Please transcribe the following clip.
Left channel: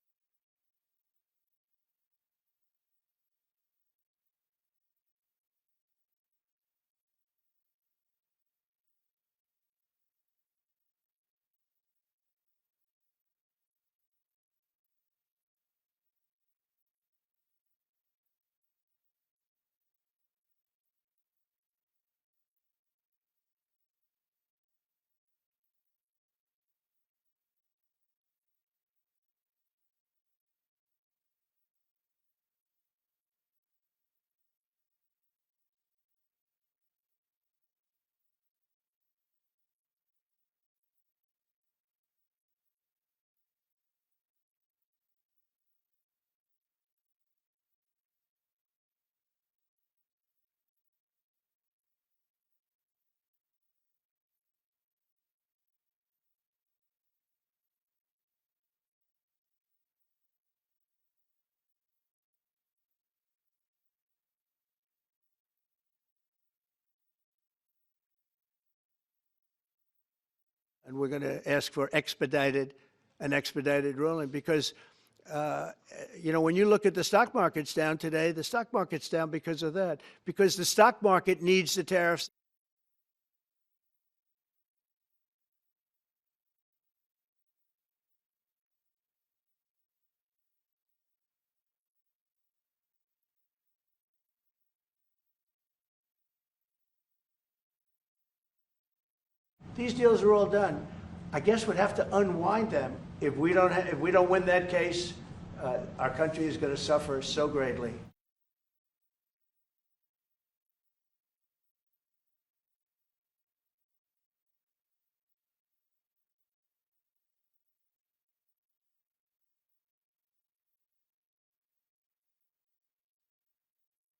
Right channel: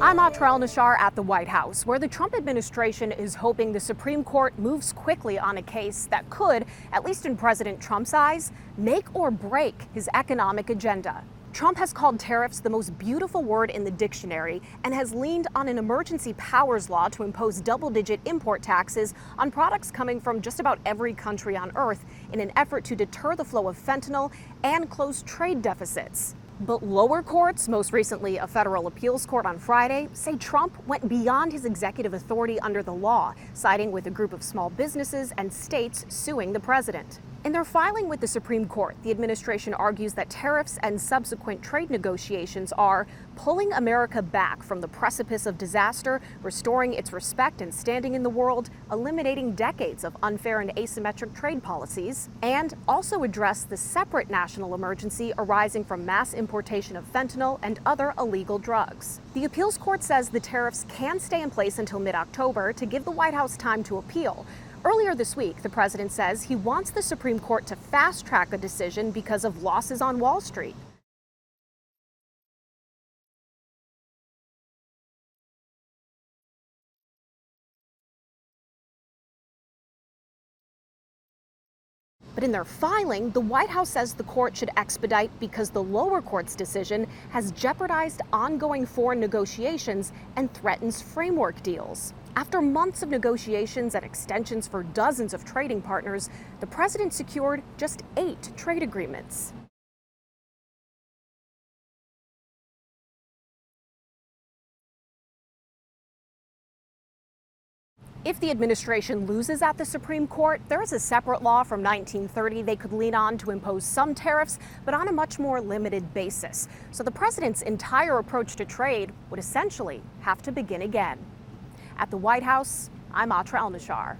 I'm Atra El-Nashar at the White House, where the Trump administration is hoping the Supreme Court moves quickly on a case that could, at least in President Trump's eyes, make or break his economic agenda. Trump has called tariffs the most beautiful word in the dictionary and has leaned on an emergency powers law to impose double-digit import taxes on products coming from just about every country on Earth in an effort to deter the flow of fentanyl and close trade deficits. But lower courts, most recently a federal appeals court on Friday, say Trump went beyond his executive authority under the law, siding with a group of small businesses and states suing the president. In their filing with the Supreme Court, the administration argues that tariffs and subsequent trade negotiations are pulling America back from the precipice of disaster, restoring its respect and standing in the world, eliminating decades of unfair and asymmetric trade policies, and also address the separate national emergency arising from mass importation of fentanyl and other illegal drugs. The appeals court says the tariffs can stay in place until mid-October to give the White House time to appeal. Earlier this week, the president says he wants the Supreme Court to fast-track a decision because of losses on Wall Street. We're going to ask for an expedited ruling because, when you look at the stock market's down today, the stock market's down because of that, because the stock market needs the tariffs. But in their filing, the White House says the court should expedite because the lower court's decision has jeopardized ongoing foreign negotiations and threatens framework deals. After months of negotiations and extensions for dozens of trading partners, the president secured just 8 trade agreements. These deals are all done. I guess we'd have to unwind them. If we don't win that case, our country is going to suffer so greatly. If the administration loses at the Supreme Court, there is a separate law from 1930 they could lean on to impose some tariffs, but on a much more limited basis. So the president's entire approach to trade would essentially have to begin again. At the White House, I'm Atra El-Nashar.